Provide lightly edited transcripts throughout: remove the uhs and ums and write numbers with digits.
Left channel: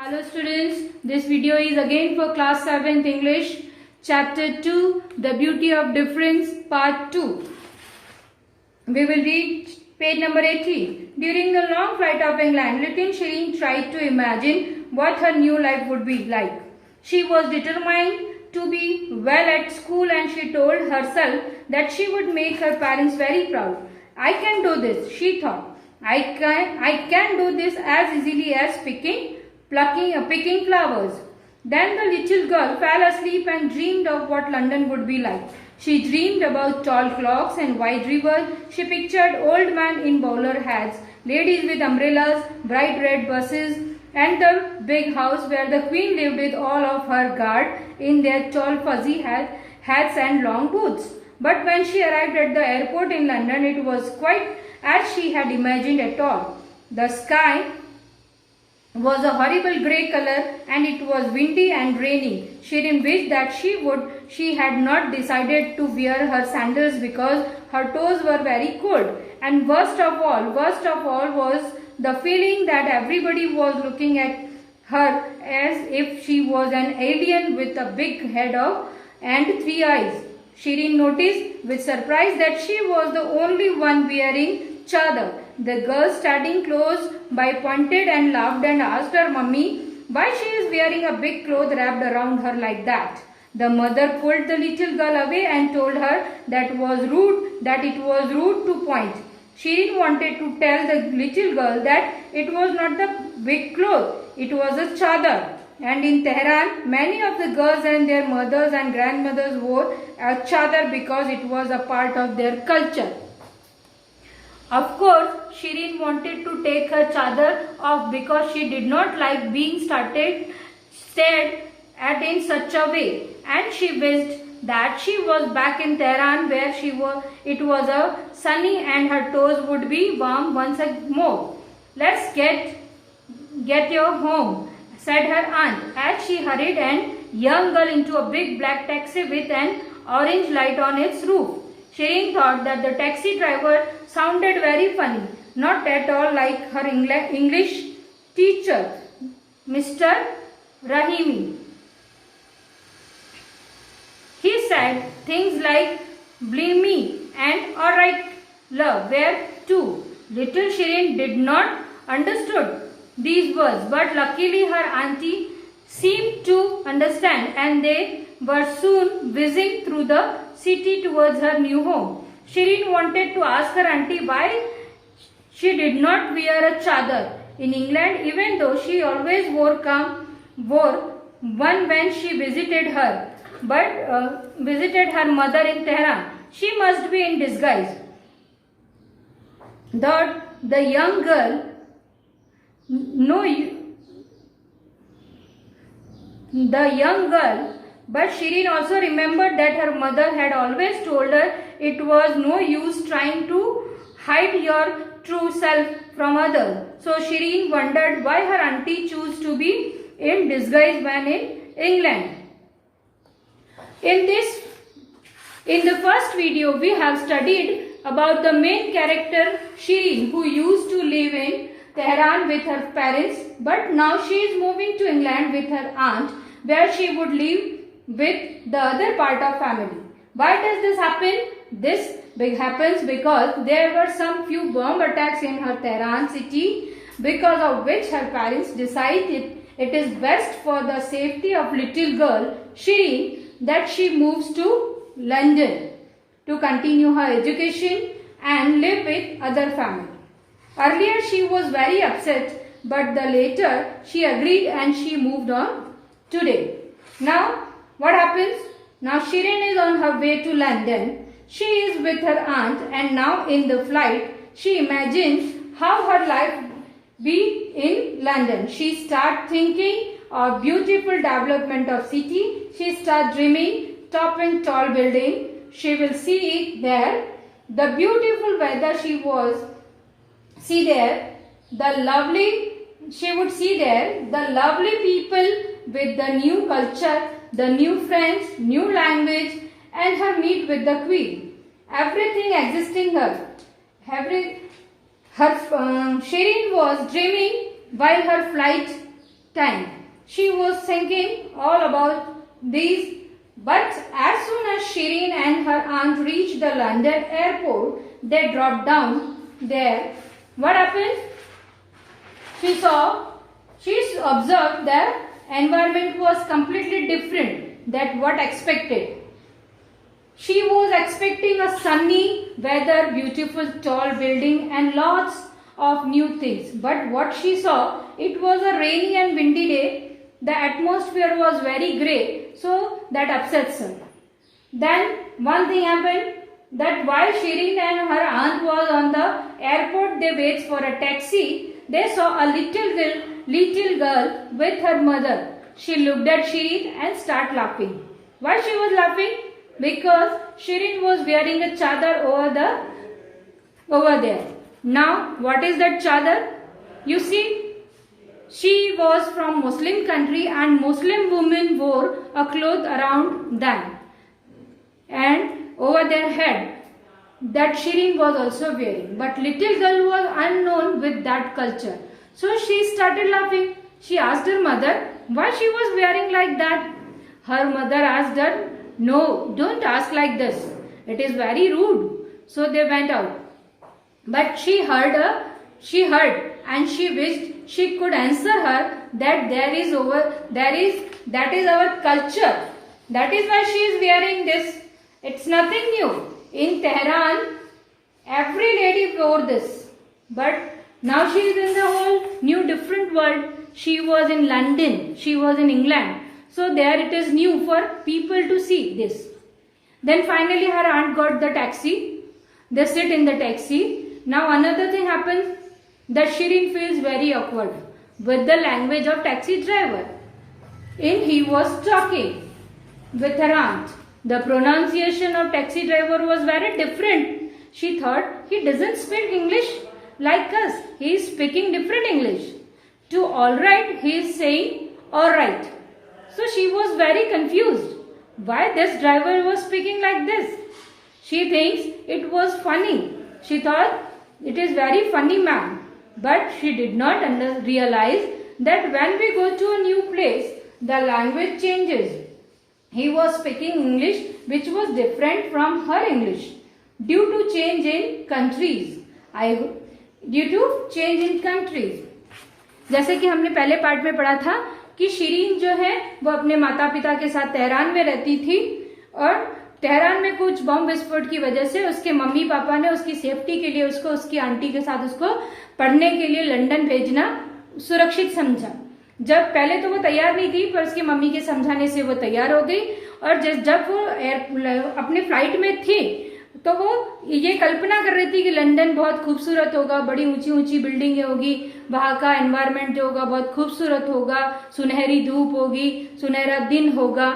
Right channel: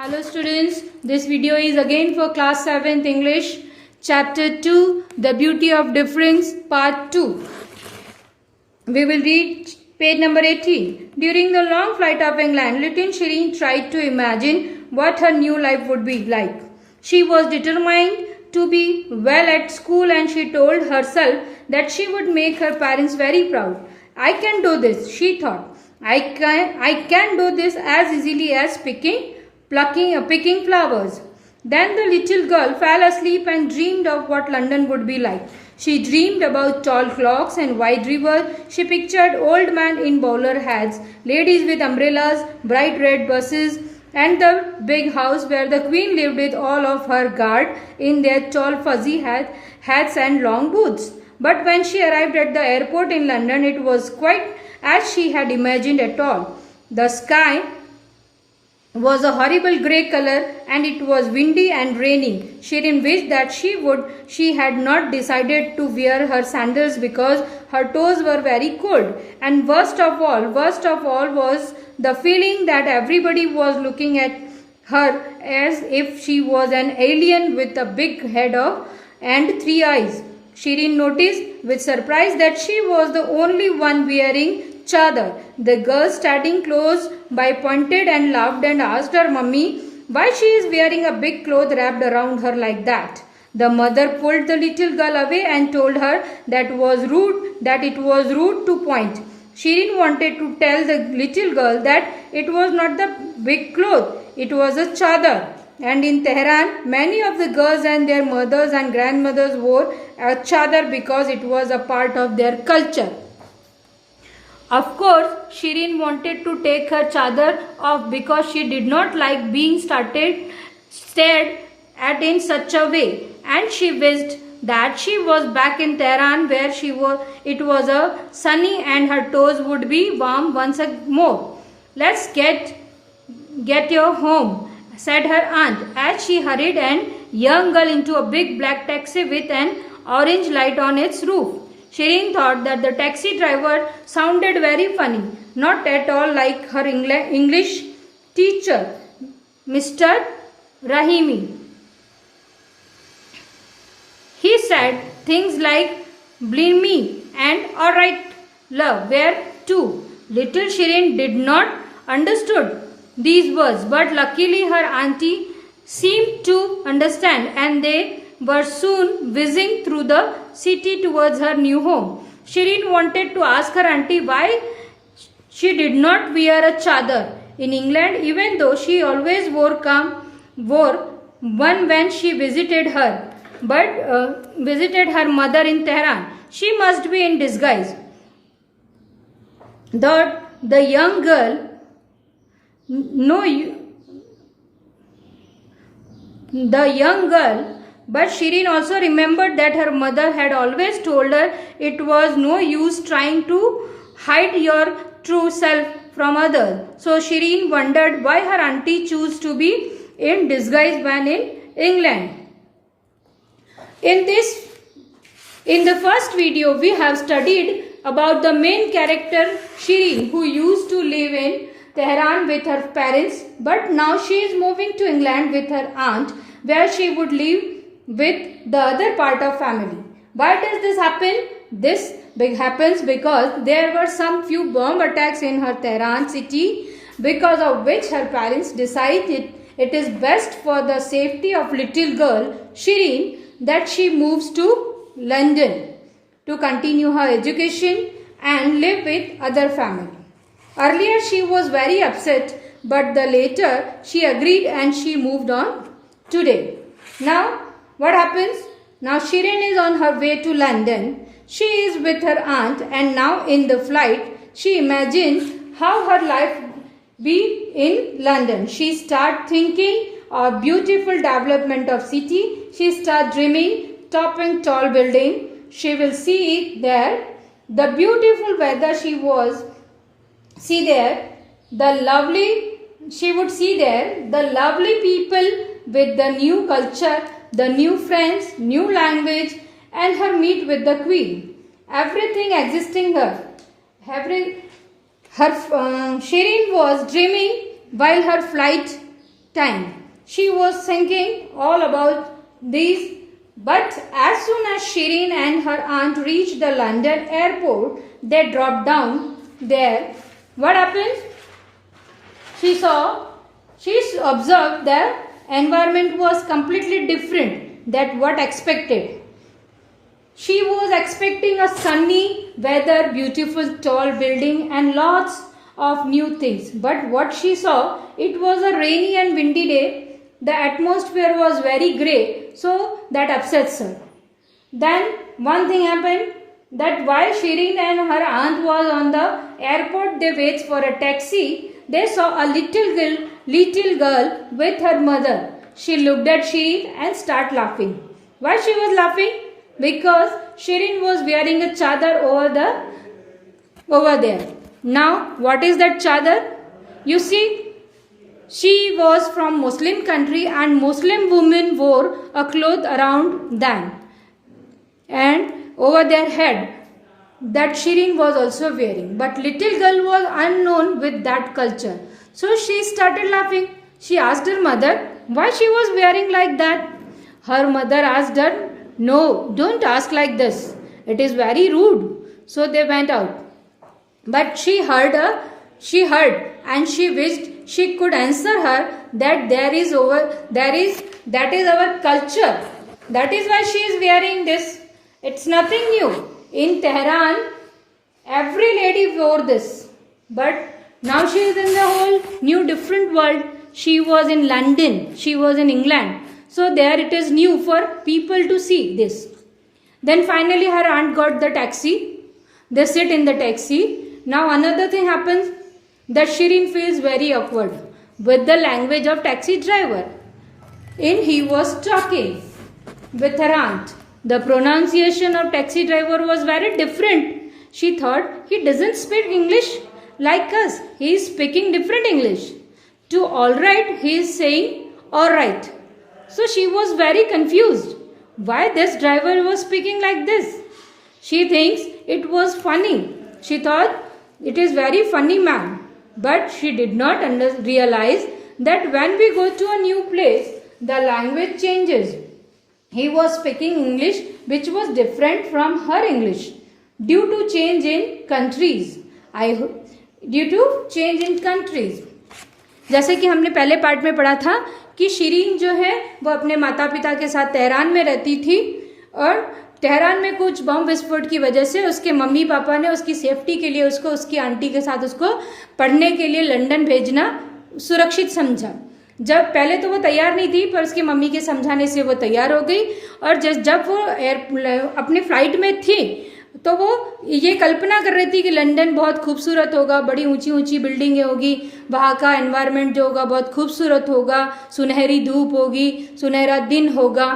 Hello students, this video is again for class 7th English, chapter 2, The Beauty of Difference, part 2. We will read page number 18. During the long flight of England, little Shireen tried to imagine what her new life would be like. She was determined to be well at school and she told herself that she would make her parents very proud. I can do this, she thought. I can do this as easily as picking flowers. Then the little girl fell asleep and dreamed of what London would be like. She dreamed about tall clocks and wide rivers. She pictured old men in bowler hats, ladies with umbrellas, bright red buses, and the big house where the queen lived with all of her guard in their tall fuzzy hats and long boots. But when she arrived at the airport in London, it was quite as she had imagined at all. The sky was a horrible grey color and it was windy and rainy. Shireen wished that she had not decided to wear her sandals because her toes were very cold. And worst of all was the feeling that everybody was looking at her as if she was an alien with a big head and 3 eyes. Shireen noticed with surprise that she was the only one wearing chadar. The girl standing close by pointed and laughed and asked her mummy why she is wearing a big cloth wrapped around her like that. The mother pulled the little girl away and told her that it was rude to point. Shireen wanted to tell the little girl that it was not the big cloth, it was a chadar. And in Tehran, many of the girls and their mothers and grandmothers wore a chadar because it was a part of their culture. Of course, Shireen wanted to take her chadar off because she did not like being stared at in such a way, and she wished that she was back in Tehran where it was a sunny and her toes would be warm once more. Let's get you home, said her aunt as she hurried a young girl into a big black taxi with an orange light on its roof. Shireen thought that the taxi driver sounded very funny, not at all like her English teacher, Mr. Rahimi. He said things like, "Blame me" and "all right, love" were too. Little Shireen did not understood these words, but luckily her auntie seemed to understand and they were soon whizzing through the city towards her new home. Shireen wanted to ask her auntie why she did not wear a chadar in England, even though she always wore one when she visited her mother in Tehran. She must be in disguise. The young girl but Shireen also remembered that her mother had always told her it was no use trying to hide your true self from others. So Shireen wondered why her auntie chose to be in disguise when in England. In the first video, we have studied about the main character Shireen, who used to live in Tehran with her parents, but now she is moving to England with her aunt, where she would live with the other part of family. Why does this happen? This happens because there were some few bomb attacks in her Tehran city, because of which her parents decided it is best for the safety of little girl Shireen that she moves to London to continue her education and live with other family. Earlier she was very upset, but later she agreed and she moved on today. Now what happens? Now Shireen is on her way to London. She is with her aunt and now in the flight she imagines how her life be in London. She starts thinking of beautiful development of city. She starts dreaming topping tall building. She will see there the beautiful weather she would see there the lovely people with the new culture, the new friends, new language, and her meet with the queen. Everything existing her. Shireen was dreaming while her flight time. She was thinking all about these, but as soon as Shireen and her aunt reached the London airport, they dropped down there. What happened? She observed the environment was completely different than what expected. She was expecting a sunny weather, beautiful tall building and lots of new things. But what she saw, it was a rainy and windy day. The atmosphere was very grey, so that upsets her. Then one thing happened, that while Shireen and her aunt was on the airport, they wait for a taxi. They saw a little girl with her mother. She looked at Shireen and started laughing. Why she was laughing? Because Shireen was wearing a chadar over there. Now, what is that chadar? You see, she was from Muslim country and Muslim women wore a cloth around them and over their head that Shireen was also wearing. But little girl was unknown with that culture. So she started laughing. She asked her mother why she was wearing like that. Her mother asked her, "No, don't ask like this. It is very rude." So they went out. But she heard and she wished she could answer her that that is our culture. That is why she is wearing this. It's nothing new. In Tehran, every lady wore this. But now she is in the whole new different world. She was in London. She was in England. So there it is new for people to see this. Then finally her aunt got the taxi. They sit in the taxi. Now another thing happens, that Shireen feels very awkward with the language of taxi driver. He was talking with her aunt. The pronunciation of taxi driver was very different. She thought he doesn't speak English like us. He is speaking different English. To alright, he is saying alright. So she was very confused. Why this driver was speaking like this? She thinks it was funny. She thought it is very funny man. But she did not realize that when we go to a new place, the language changes. He was speaking English which was different from her English due to change in countries. जैसे कि हमने पहले part में पढ़ा था कि शिरीन जो है वो अपने माता पिता के साथ तेहरान में रहती थी और तेहरान में कुछ बम विस्फोट की वजह से उसके मम्मी पापा ने उसकी सेफ्टी के लिए उसको उसकी आंटी के साथ उसको पढ़ने के लिए लंदन भेजना सुरक्षित समझा। जब पहले तो वो तैयार नहीं थी, पर उसकी मम्मी के समझाने से वो तैयार हो गई और जब वो अपने फ्लाइट में थी तो वो ये कल्पना कर रही थी कि लंदन बहुत खूबसूरत होगा, बड़ी ऊंची ऊंची बिल्डिंगें होगी, वहाँ का एनवायरनमेंट जो होगा बहुत खूबसूरत होगा, सुनहरी धूप होगी, सुनहरा दिन होगा,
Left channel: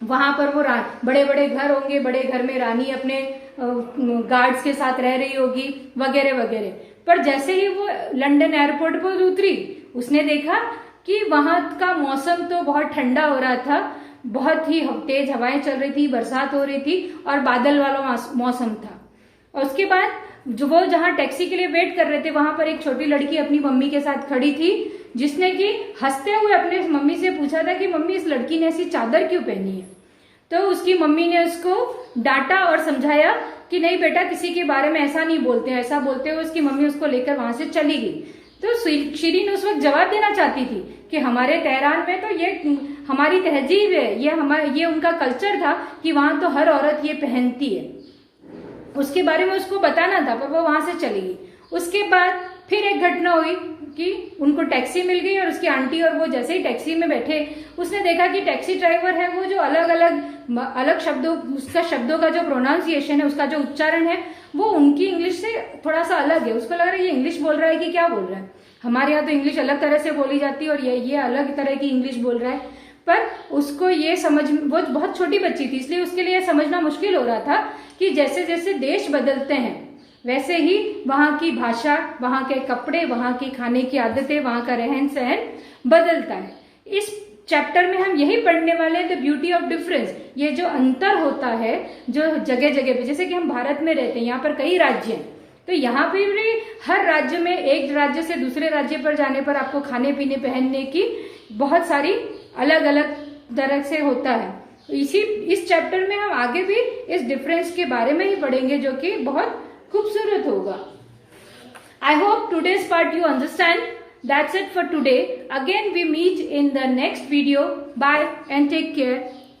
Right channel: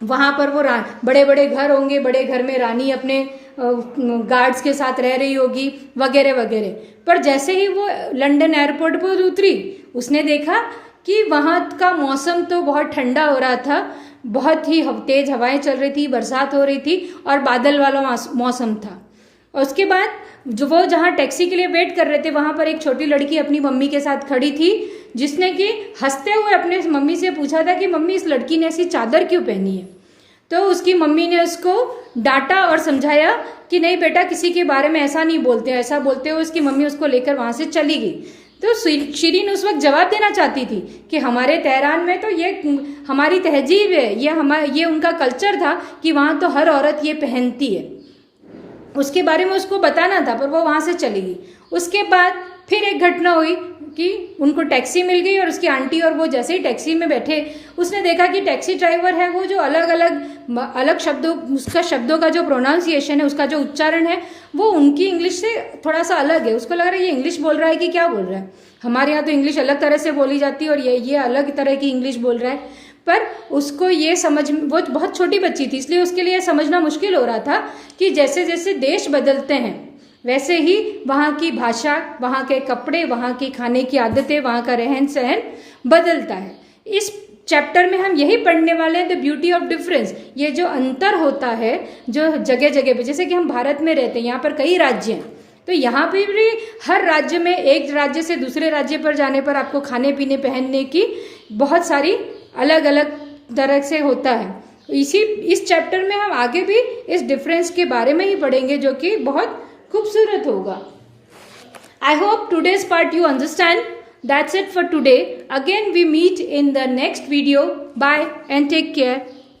वहाँ पर वो बड़े बड़े घर होंगे, बड़े घर में रानी अपने गार्ड्स के साथ रह रही होगी वगैरह वगैरह। पर जैसे ही वो लंदन एयरपोर्ट पर उतरी उसने देखा कि वहाँ का मौसम तो बहुत ठंडा हो रहा था, बहुत ही तेज हवाएं चल रही थी, बरसात हो रही थी और बादल वाला मौसम था। और उसके बाद जो वो जहाँ टैक्सी के लिए वेट कर रहे थे वहां पर एक छोटी लड़की अपनी मम्मी के साथ खड़ी थी, जिसने कि हंसते हुए अपने मम्मी से पूछा था कि मम्मी इस लड़की ने ऐसी चादर क्यों पहनी है। तो उसकी मम्मी ने उसको डांटा और समझाया कि नहीं बेटा, किसी के बारे में ऐसा नहीं बोलते, ऐसा बोलते हुए उसकी मम्मी उसको लेकर वहां से चली गई। तो शिरीन उस वक्त जवाब देना चाहती थी कि हमारे तेहरान में तो ये हमारी तहजीब है, ये उनका कल्चर था कि वहां तो हर औरत ये पहनती है, उसके बारे में उसको बताना था, पर वो वहां से चली गई। उसके बाद फिर एक घटना हुई कि उनको टैक्सी मिल गई और उसकी आंटी और वो जैसे ही टैक्सी में बैठे उसने देखा कि टैक्सी ड्राइवर है वो जो अलग शब्दों, उसका शब्दों का जो प्रोनाउंसिएशन है, उसका जो उच्चारण है वो उनकी इंग्लिश से थोड़ा सा अलग है। उसको लग रहा है ये इंग्लिश बोल रहा है कि क्या बोल रहा है, हमारे यहाँ तो इंग्लिश अलग तरह से बोली जाती है और ये अलग तरह की इंग्लिश बोल रहा है। पर उसको ये समझ, वो बहुत छोटी बच्ची थी इसलिए उसके लिए समझना मुश्किल हो रहा था कि जैसे जैसे देश बदलते हैं वैसे ही वहाँ की भाषा, वहाँ के कपड़े, वहाँ की खाने की आदतें, वहाँ का रहन सहन बदलता है। इस चैप्टर में हम यही पढ़ने वाले हैं, द ब्यूटी ऑफ डिफरेंस। ये जो अंतर होता है जो जगह जगह पे, जैसे कि हम भारत में रहते हैं, यहाँ पर कई राज्य हैं, तो यहाँ पे भी हर राज्य में, एक राज्य से दूसरे राज्य पर जाने पर आपको खाने पीने पहनने की बहुत सारी अलग अलग तरह से होता है। इस चैप्टर में हम आगे भी इस डिफरेंस के बारे में ही पढ़ेंगे, जो कि बहुत खूबसूरत होगा। I hope today's part you understand. That's it for today. Again we meet in the next video. Bye and take care.